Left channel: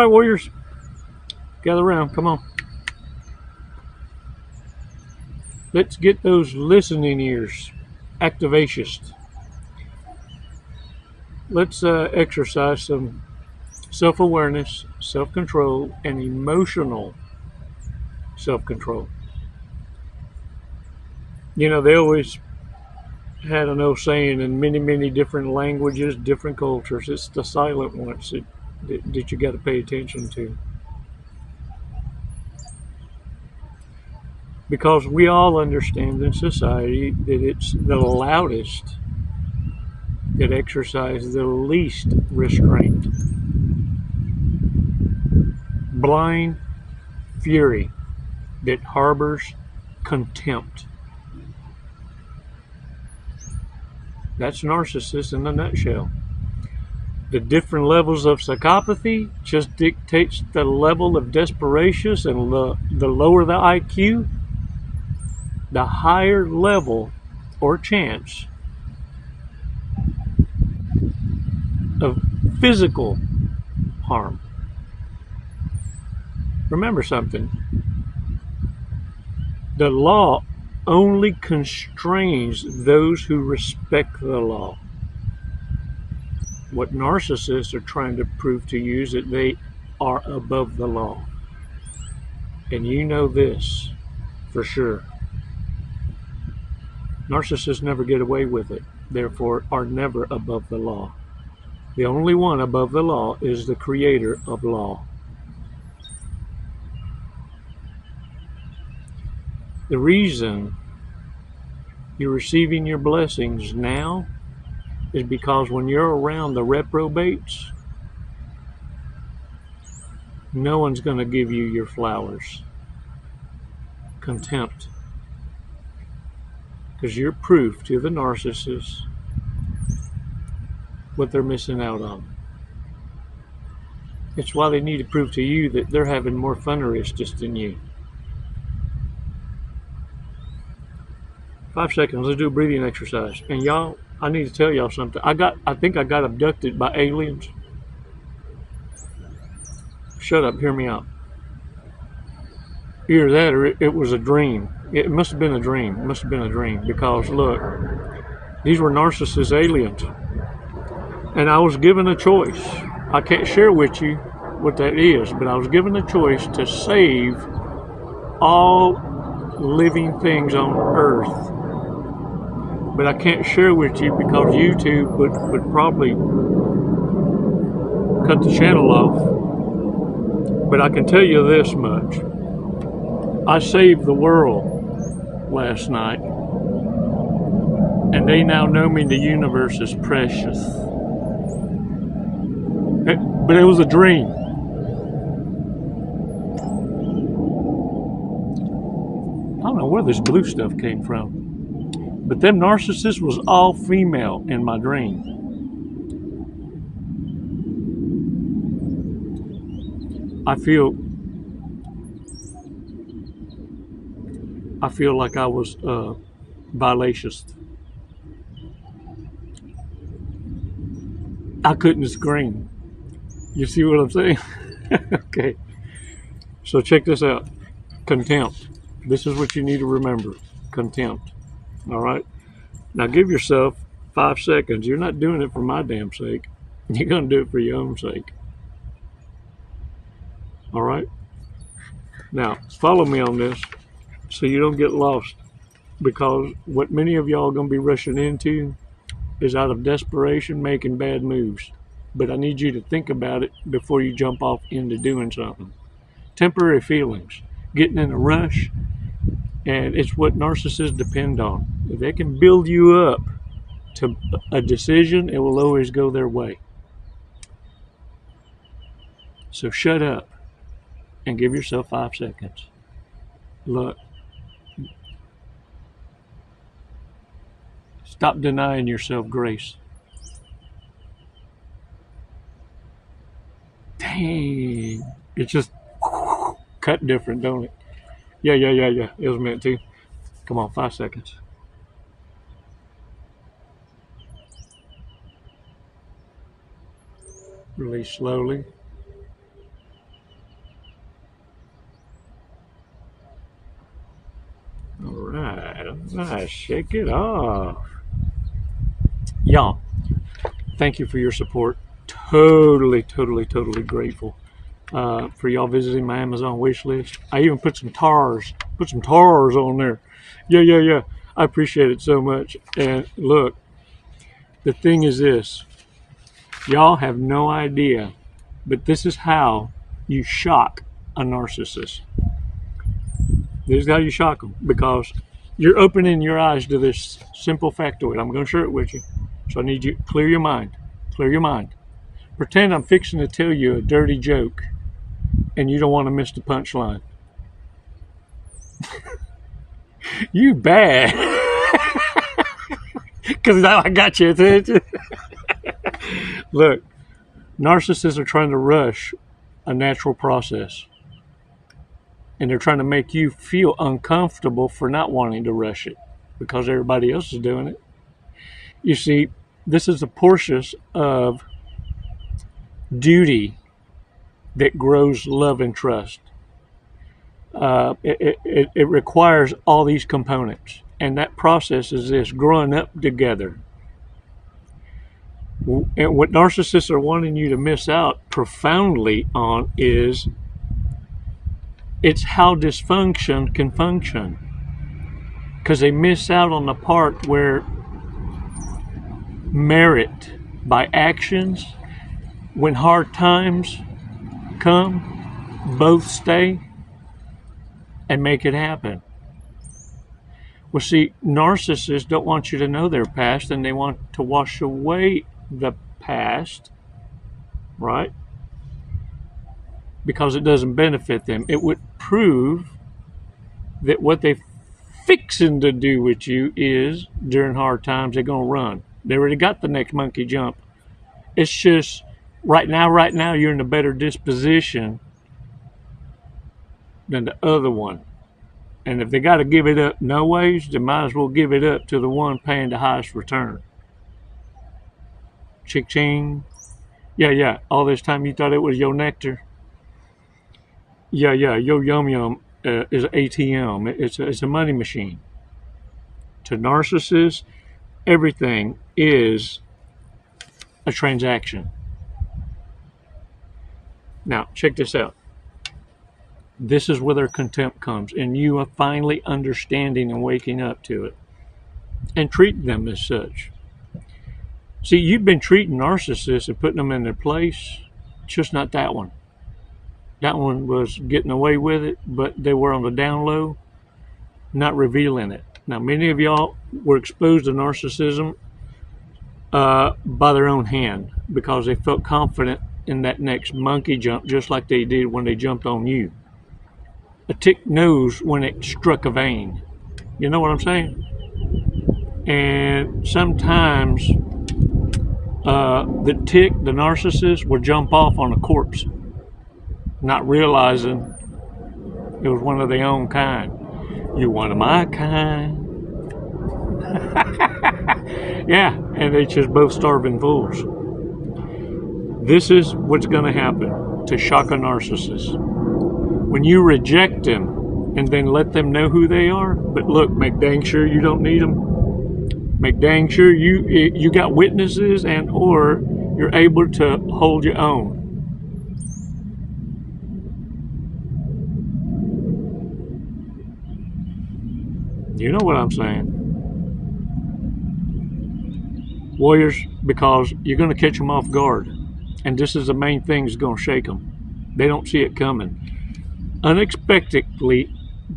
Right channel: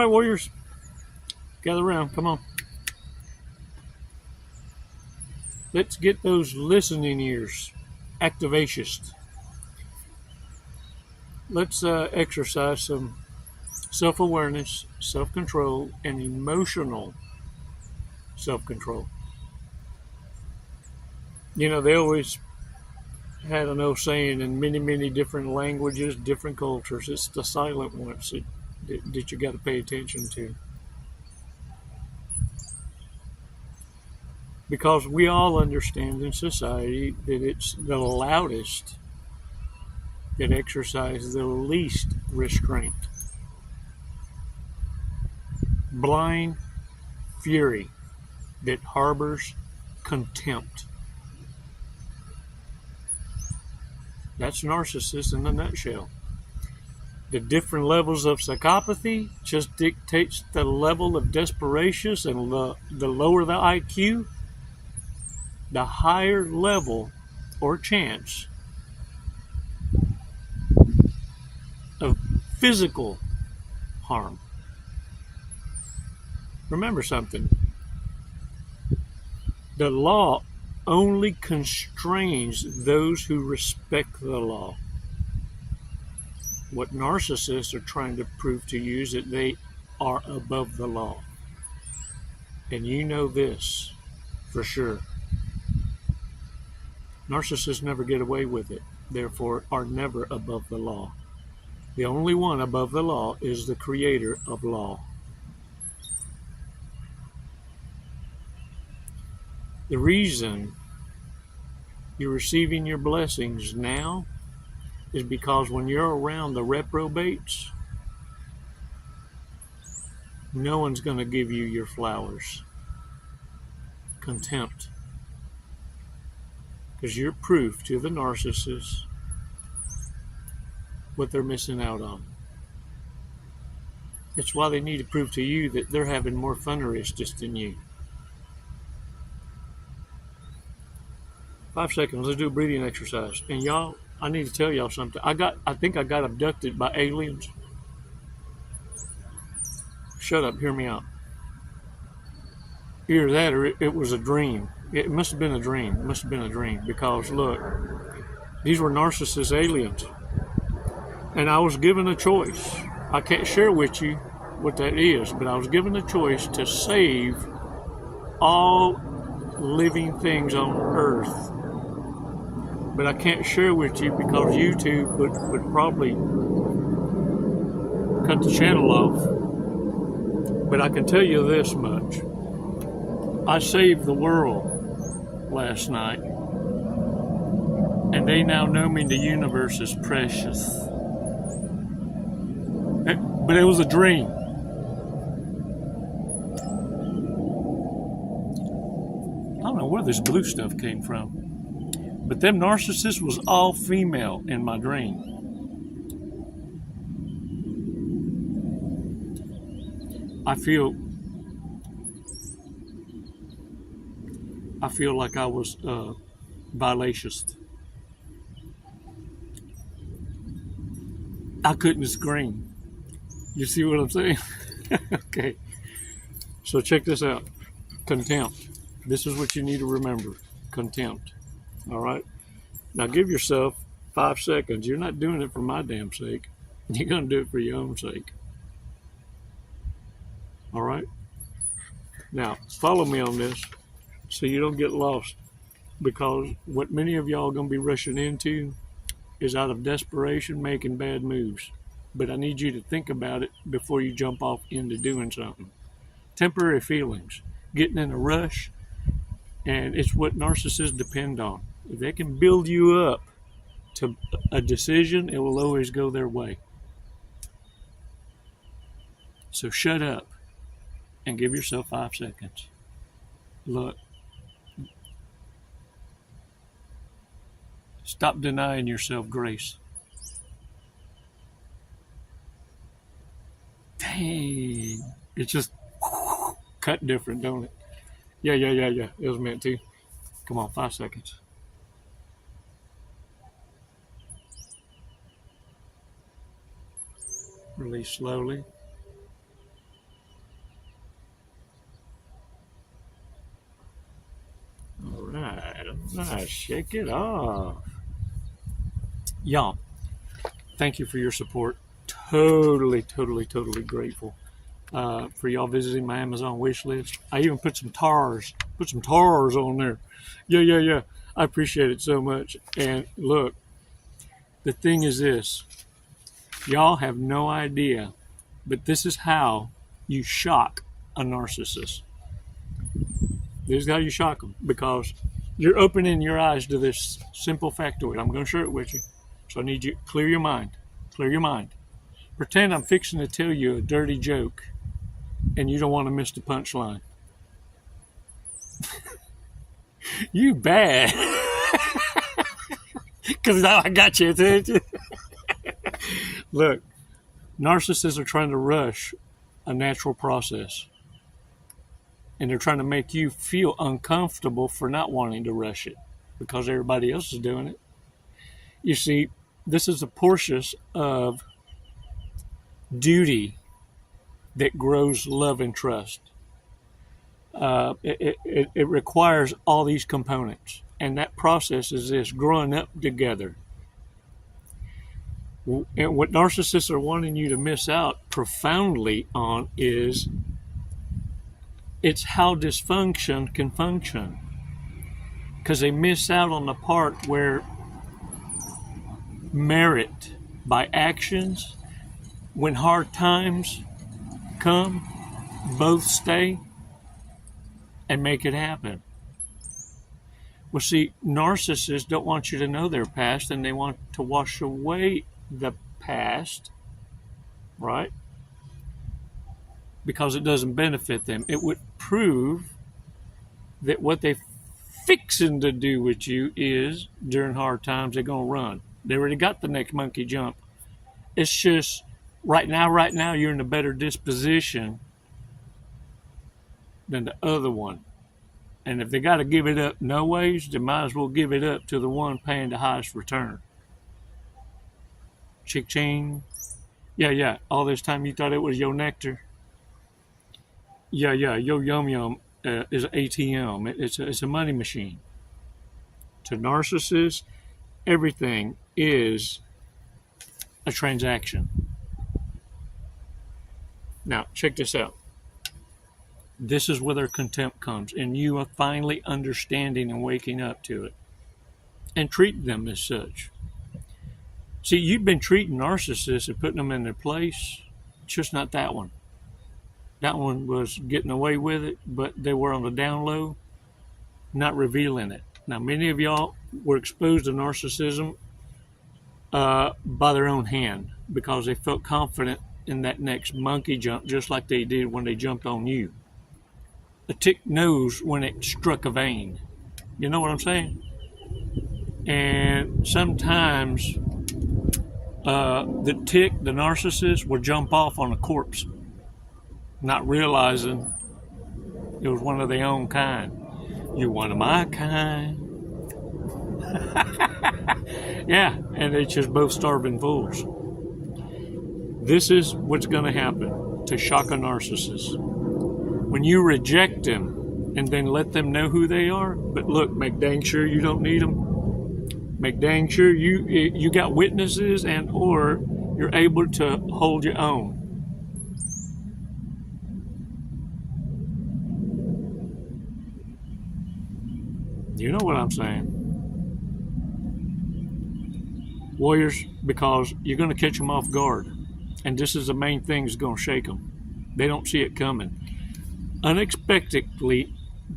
right, warriors. Gather around. Come on. Let's get those listening ears activacious. Let's exercise some self-awareness, self-control, and emotional self-control. You know, they always had an old saying in many, many different languages, different cultures. It's the silent ones that you got to pay attention to. Because we all understand in society that it's the loudest that exercise the least restraint. Blind fury that harbors contempt. That's narcissists in a nutshell. The different levels of psychopathy just dictates the level of desperation, and the lower the IQ, the higher level or chance of physical harm. Remember something. The law only constrains those who respect the law. What narcissists are trying to prove to you is that they are above the law. And you know this for sure. Narcissists never get away with it, therefore are never above the law. The only one above the law is the creator of law. The reason you're receiving your blessings now is because when you're around the reprobates, no one's going to give you your flowers. Contempt. Because you're proof to the narcissist what they're missing out on. It's why they need to prove to you that they're having more fun just than you. 5 seconds, let's do a breathing exercise. And y'all, I need to tell y'all something. I think I got abducted by aliens. Shut up, hear me out. Either that or it was a dream. It must have been a dream. It must have been a dream. Because look, these were narcissist aliens. And I was given a choice. I can't share with you what that is, but I was given a choice to save all living things on earth. But I can't share with you because YouTube would probably cut the channel off. But I can tell you this much. I saved the world last night. And they now know me in the universe as precious. But it was a dream. I don't know where this blue stuff came from. But them narcissists was all female in my dream. I feel like I was violacious. I couldn't scream. You see what I'm saying? Okay. So check this out. Contempt. This is what you need to remember. Contempt. All right? Now give yourself 5 seconds. You're not doing it for my damn sake. You're going to do it for your own sake. All right? Now, follow me on this so you don't get lost. Because what many of y'all are going to be rushing into is out of desperation making bad moves. But I need you to think about it before you jump off into doing something. Temporary feelings, getting in a rush, and it's what narcissists depend on. If they can build you up to a decision, it will always go their way. So shut up and give yourself 5 seconds. Look, stop denying yourself grace. Dang, it's just cut different, don't it? Yeah. It was meant to. Come on, 5 seconds. Release slowly. Shake it off. Y'all, thank you for your support. Totally grateful for y'all visiting my Amazon wish list. I even put some tars on there. Yeah. I appreciate it so much. And look, the thing is this. Y'all have no idea, but this is how you shock a narcissist. This is how you shock them, because you're opening your eyes to this simple factoid. I'm going to share it with you. So I need you to clear your mind. Pretend I'm fixing to tell you a dirty joke and you don't want to miss the punchline. You bad. Because now I got your attention. Look, narcissists are trying to rush a natural process. And they're trying to make you feel uncomfortable for not wanting to rush it because everybody else is doing it. You see, this is a portion of duty that grows love and trust. It requires all these components. And that process is this, growing up together. And what narcissists are wanting you to miss out profoundly on is it's how dysfunction can function. Because they miss out on the part where merit by actions, when hard times come, both stay and make it happen. Well, see, narcissists don't want you to know their past, and they want to wash away the past, right? Because it doesn't benefit them. It would prove that what they're fixing to do with you is, during hard times, they're going to run. They already got the next monkey jump. It's just, right now, you're in a better disposition than the other one. And if they got to give it up no ways, they might as well give it up to the one paying the highest return. Chick-ching. Yeah. All this time you thought it was your nectar. Yeah. Yo yum is an ATM. It's a money machine. To narcissists, everything is a transaction. Now, check this out. This is where their contempt comes, and you are finally understanding and waking up to it and treating them as such. See, you've been treating narcissists and putting them in their place. It's just not that one. That one was getting away with it, but they were on the down low, not revealing it. Now, many of y'all were exposed to narcissism by their own hand because they felt confident in that next monkey jump, just like they did when they jumped on you. A tick knows when it struck a vein. You know what I'm saying? And sometimes the tick, the narcissist, will jump off on a corpse, not realizing it was one of their own kind. You're one of my kind. Yeah, and they're just both starving fools. This is what's going to happen to shock a narcissist. When you reject them and then let them know who they are, but look, make dang sure you don't need them. Make dang sure you got witnesses and or you're able to hold your own. You know what I'm saying? Warriors, because you're going to catch them off guard. And this is the main thing that's going to shake them. They don't see it coming. Unexpectedly,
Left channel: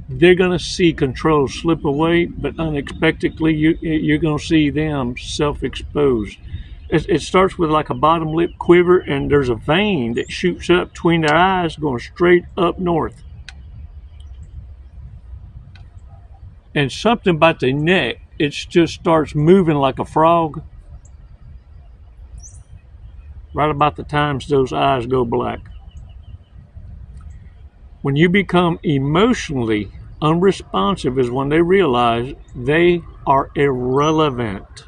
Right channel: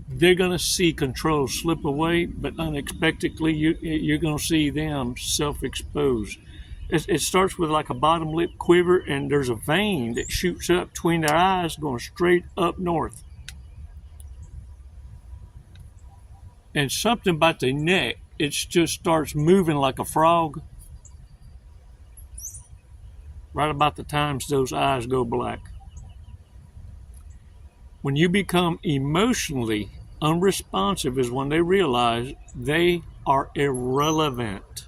they're going to see control slip away, but unexpectedly, you're going to see them self-exposed. It starts with like a bottom lip quiver, and there's a vein that shoots up between their eyes going straight up north. And something about the neck, it just starts moving like a frog. Right about the times those eyes go black. When you become emotionally unresponsive is when they realize they are irrelevant.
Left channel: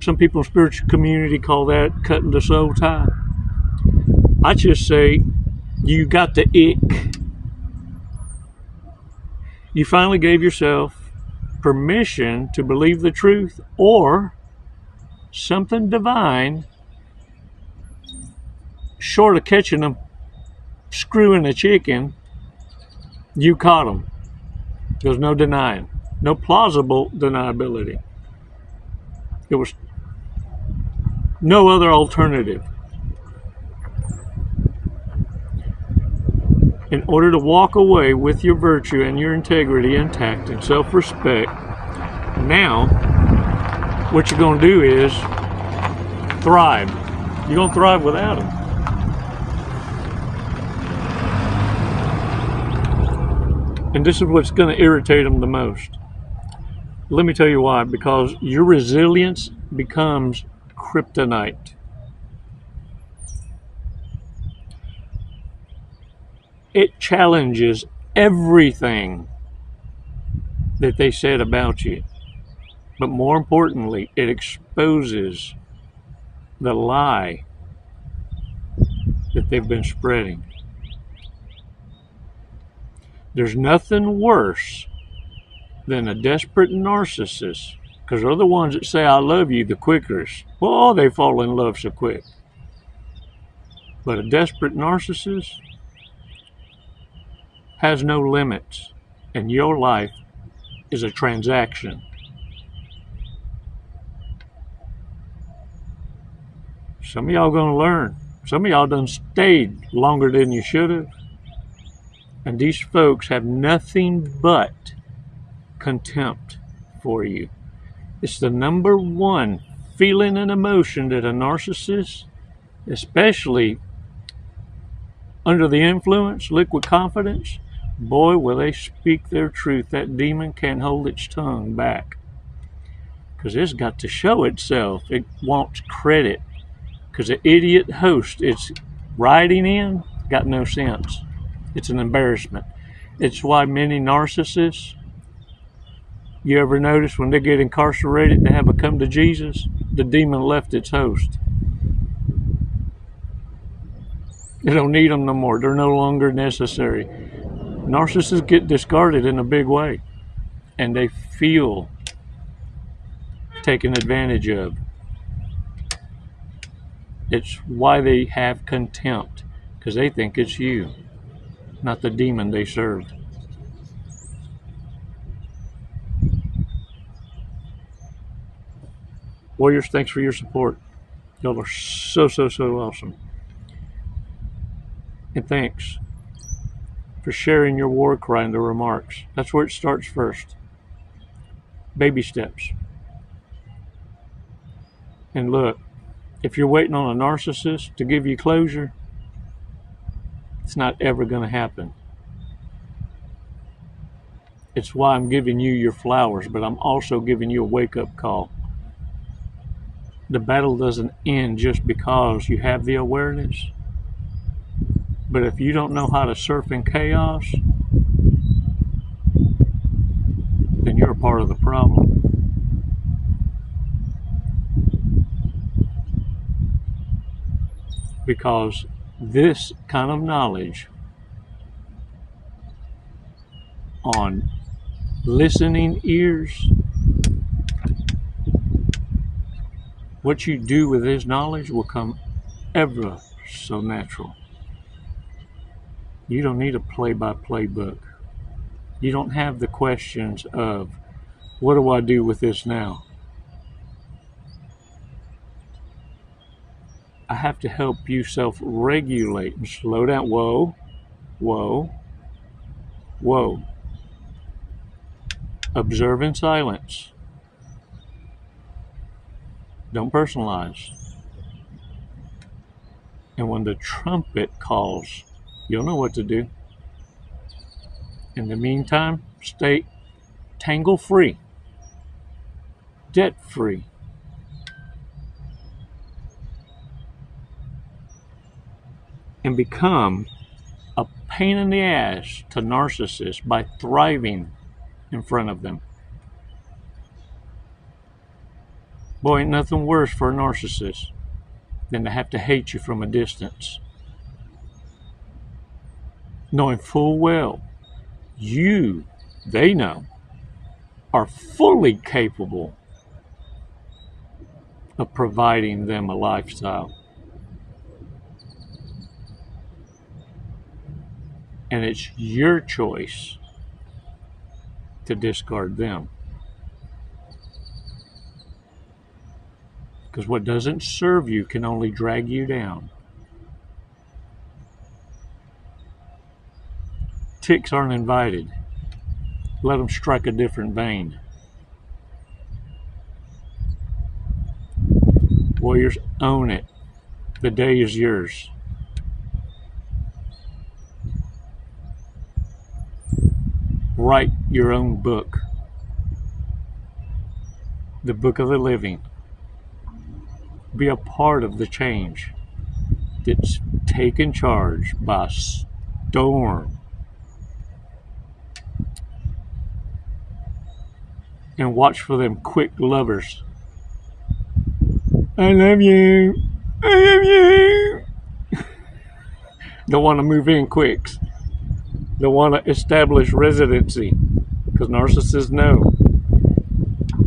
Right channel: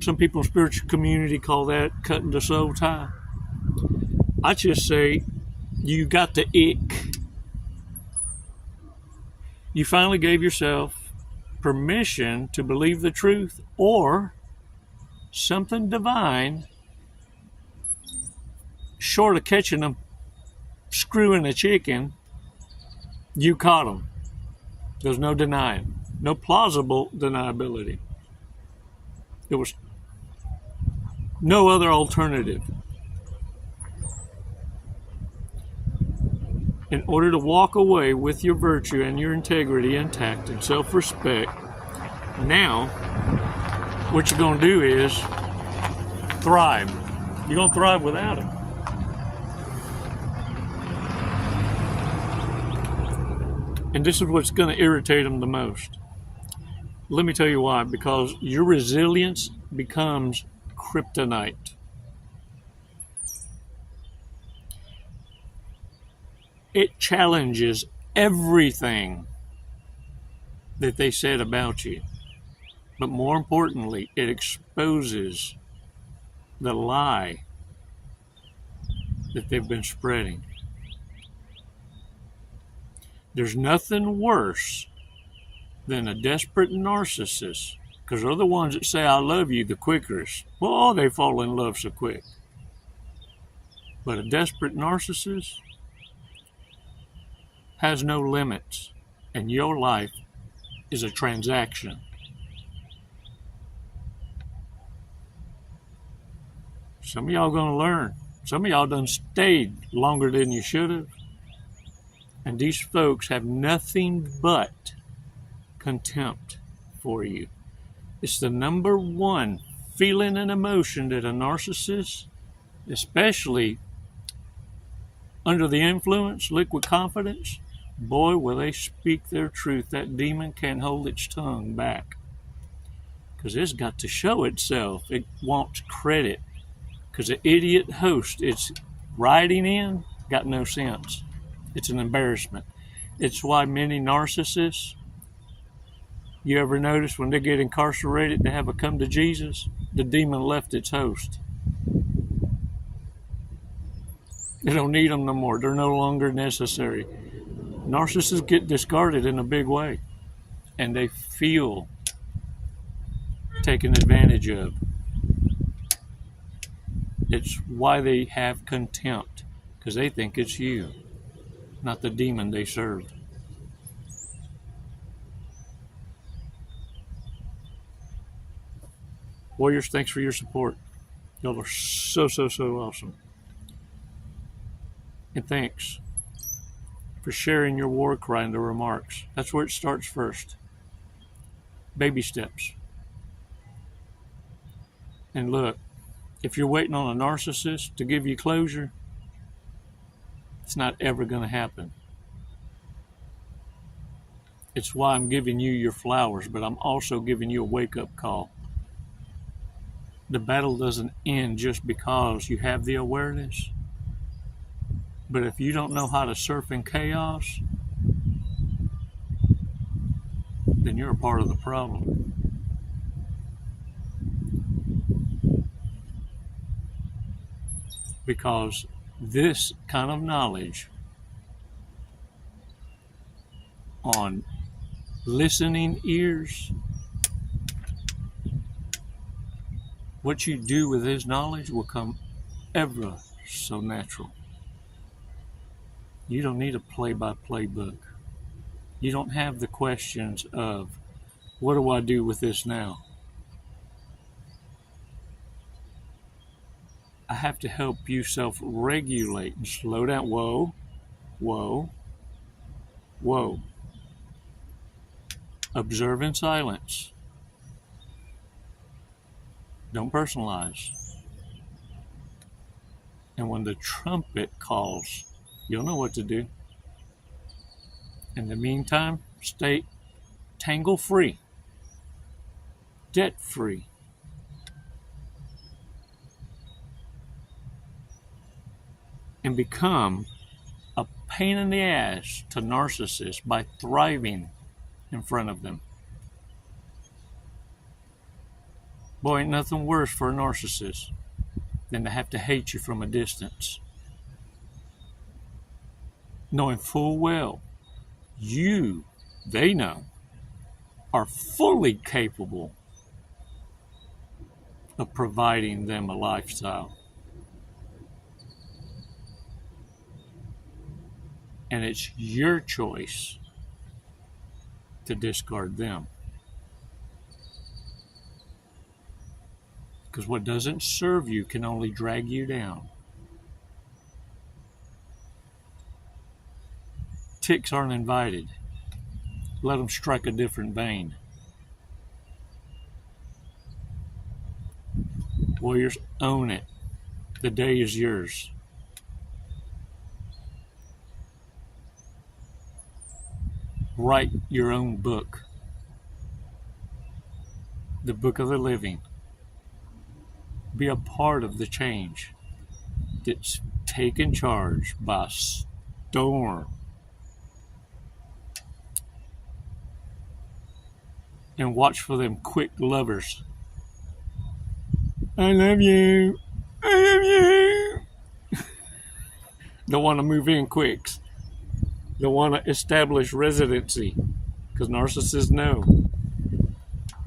Some people in spiritual community call that cutting the soul tie. I just say you got the ick. You finally gave yourself permission to believe the truth, or something divine, short of catching them screwing a chicken, you caught them. There's no denying, no plausible deniability. It was no other alternative. In order to walk away with your virtue and your integrity intact and self-respect, now what you're going to do is thrive. You're going to thrive without them. And this is what's going to irritate them the most. Let me tell you why. Because your resilience becomes kryptonite. It challenges everything that they said about you. But more importantly, it exposes the lie that they've been spreading. There's nothing worse than a desperate narcissist, because they're the ones that say, I love you the quickest. Well, they fall in love so quick. But a desperate narcissist has no limits, and your life is a transaction. Some of y'all going to learn. Some of y'all done stayed longer than you should have. And these folks have nothing but contempt for you. It's the number one feeling and emotion that a narcissist, especially under the influence, liquid confidence, boy, will they speak their truth. That demon can't hold its tongue back. Because it's got to show itself. It wants credit. Because the idiot host it's riding in got no sense. It's an embarrassment. It's why many narcissists, you ever notice when they get incarcerated and have a come to Jesus, the demon left its host. They don't need them no more. They're no longer necessary. Narcissists get discarded in a big way, and they feel taken advantage of. It's why they have contempt, because they think it's you, not the demon they serve. Warriors, thanks for your support. Y'all are so awesome. And thanks for sharing your war cry in the remarks. That's where it starts first. Baby steps. And look, if you're waiting on a narcissist to give you closure, it's not ever going to happen. It's why I'm giving you your flowers, but I'm also giving you a wake-up call. The battle doesn't end just because you have the awareness. But if you don't know how to surf in chaos, then you're a part of the problem. Because this kind of knowledge on listening ears, what you do with this knowledge will come ever so natural. You don't need a play-by-play book. You don't have the questions of, what do I do with this now? I have to help you self-regulate and slow down. Whoa, whoa, whoa. Observe in silence. Don't personalize. And when the trumpet calls, you'll know what to do. In the meantime, stay tangle-free, debt-free. And become a pain in the ass to narcissists by thriving in front of them. Boy, ain't nothing worse for a narcissist than to have to hate you from a distance, knowing full well you they know are fully capable of providing them a lifestyle. And it's your choice to discard them. Because what doesn't serve you can only drag you down. Ticks aren't invited. Let them strike a different vein. Warriors, own it. The day is yours. Write your own book. The book of the living. Be a part of the change that's taken charge by storm. And watch for them quick lovers. I love you. I love you. Don't want to move in quick. Don't want to establish residency. Because narcissists know.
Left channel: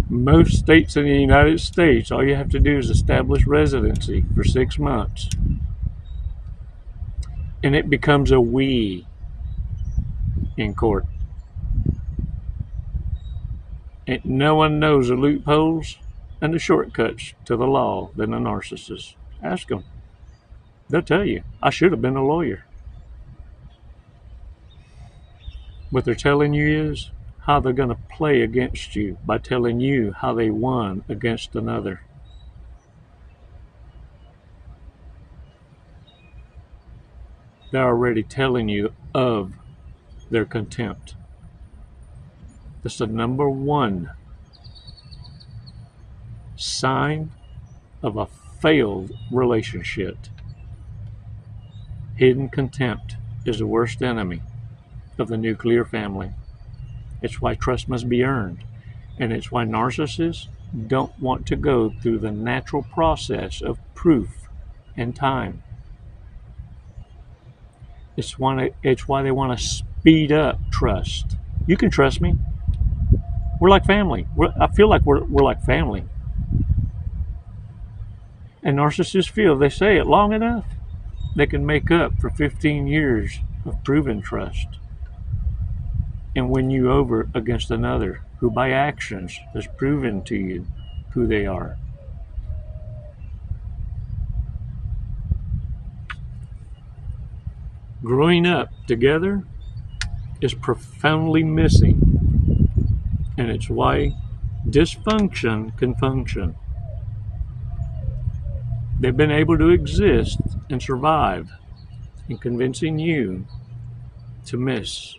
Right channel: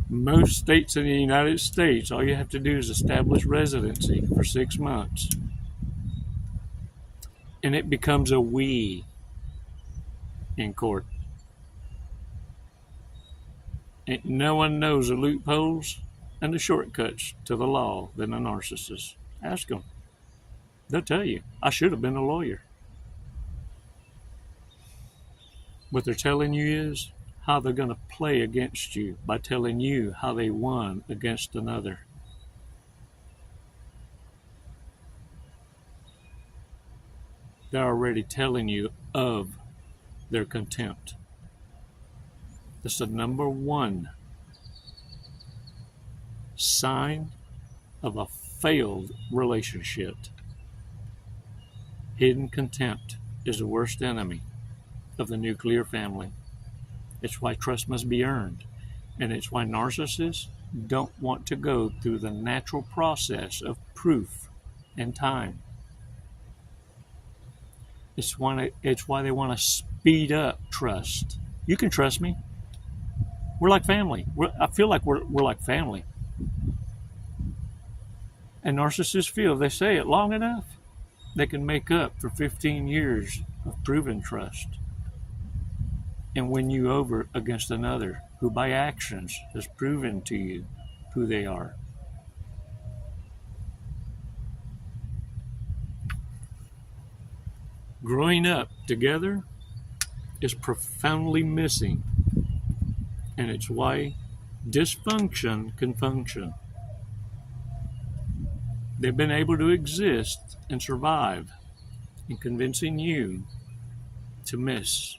Most states in the United States, all you have to do is establish residency for 6 months. And it becomes a we in court. And no one knows the loopholes and the shortcuts to the law than a narcissist. Ask them. They'll tell you, I should have been a lawyer. What they're telling you is how they're going to play against you by telling you how they won against another. They're already telling you of their contempt. That's the number one sign of a failed relationship. Hidden contempt is the worst enemy of the nuclear family. It's why trust must be earned. And it's why narcissists don't want to go through the natural process of proof and time. It's why they want to speed up trust. You can trust me. We're like family. I feel like we're like family. And narcissists feel they say it long enough, they can make up for 15 years of proven trust and win you over against another who by actions has proven to you who they are. Growing up together is profoundly missing, and it's why dysfunction can function. They've been able to exist and survive in convincing you to miss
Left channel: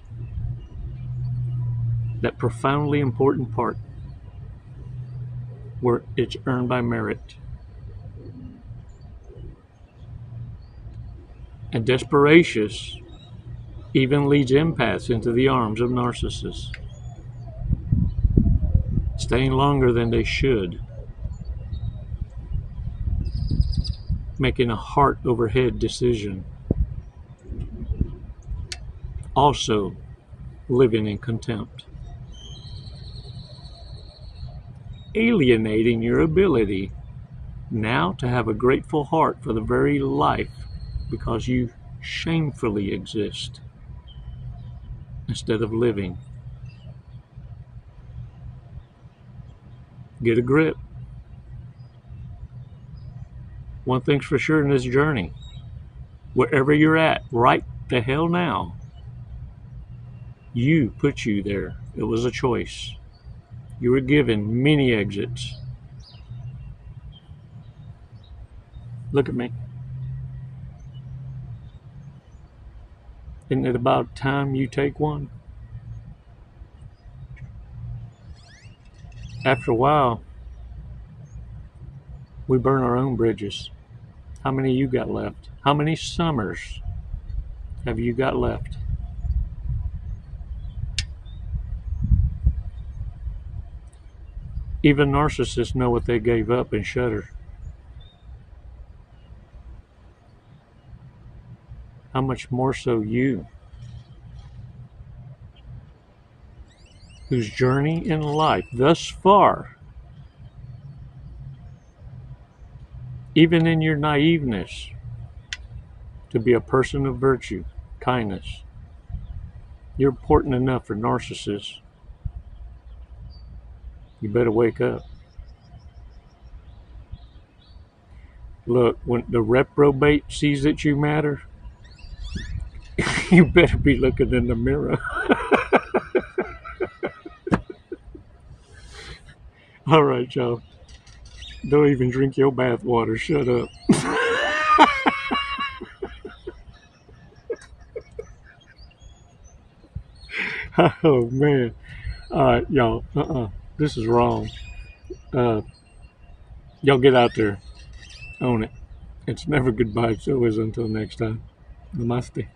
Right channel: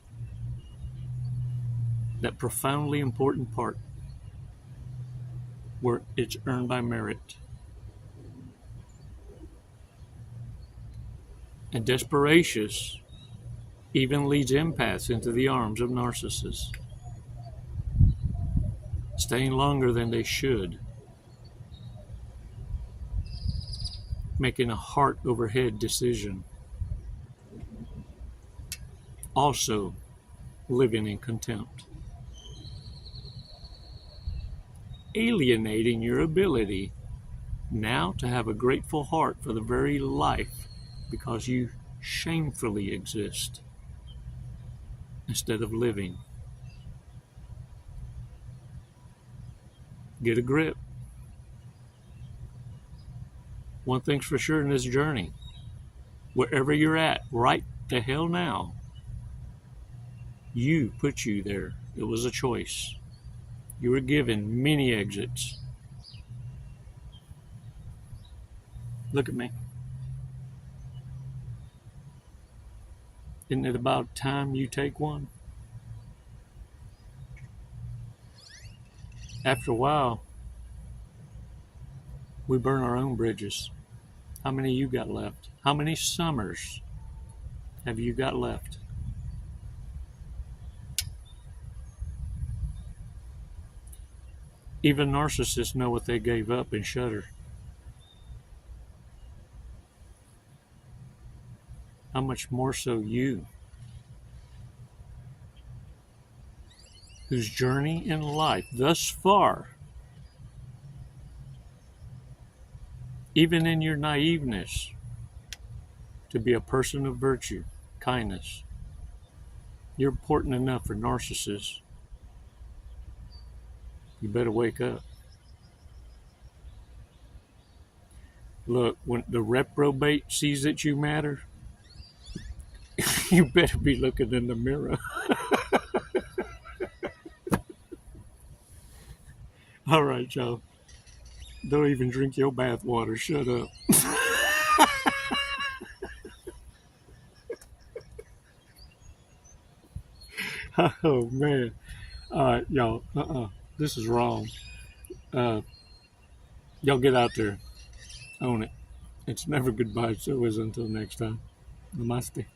that profoundly important part where it's earned by merit. And desperation even leads empaths into the arms of narcissists, staying longer than they should, making a heart over head decision, also living in contempt, alienating your ability now to have a grateful heart for the very life because you shamefully exist instead of living. Get a grip. One thing's for sure in this journey, wherever you're at right the hell now, you put you there. It was a choice. You were given many exits. Look at me. Isn't it about time you take one? After a while, we burn our own bridges. How many you got left? How many summers have you got left? Even narcissists know what they gave up and shudder. How much more so you? whose journey in life thus far, even in your naiveness, to be a person of virtue, kindness, you're important enough for narcissists. You better wake up. Look, when the reprobate sees that you matter, you better be looking in the mirror. All right, y'all. Don't even drink your bath water. Shut up. Oh, man. All right, y'all. This is wrong. Y'all get out there. Own it. It's never goodbye. It's always until next time. Namaste.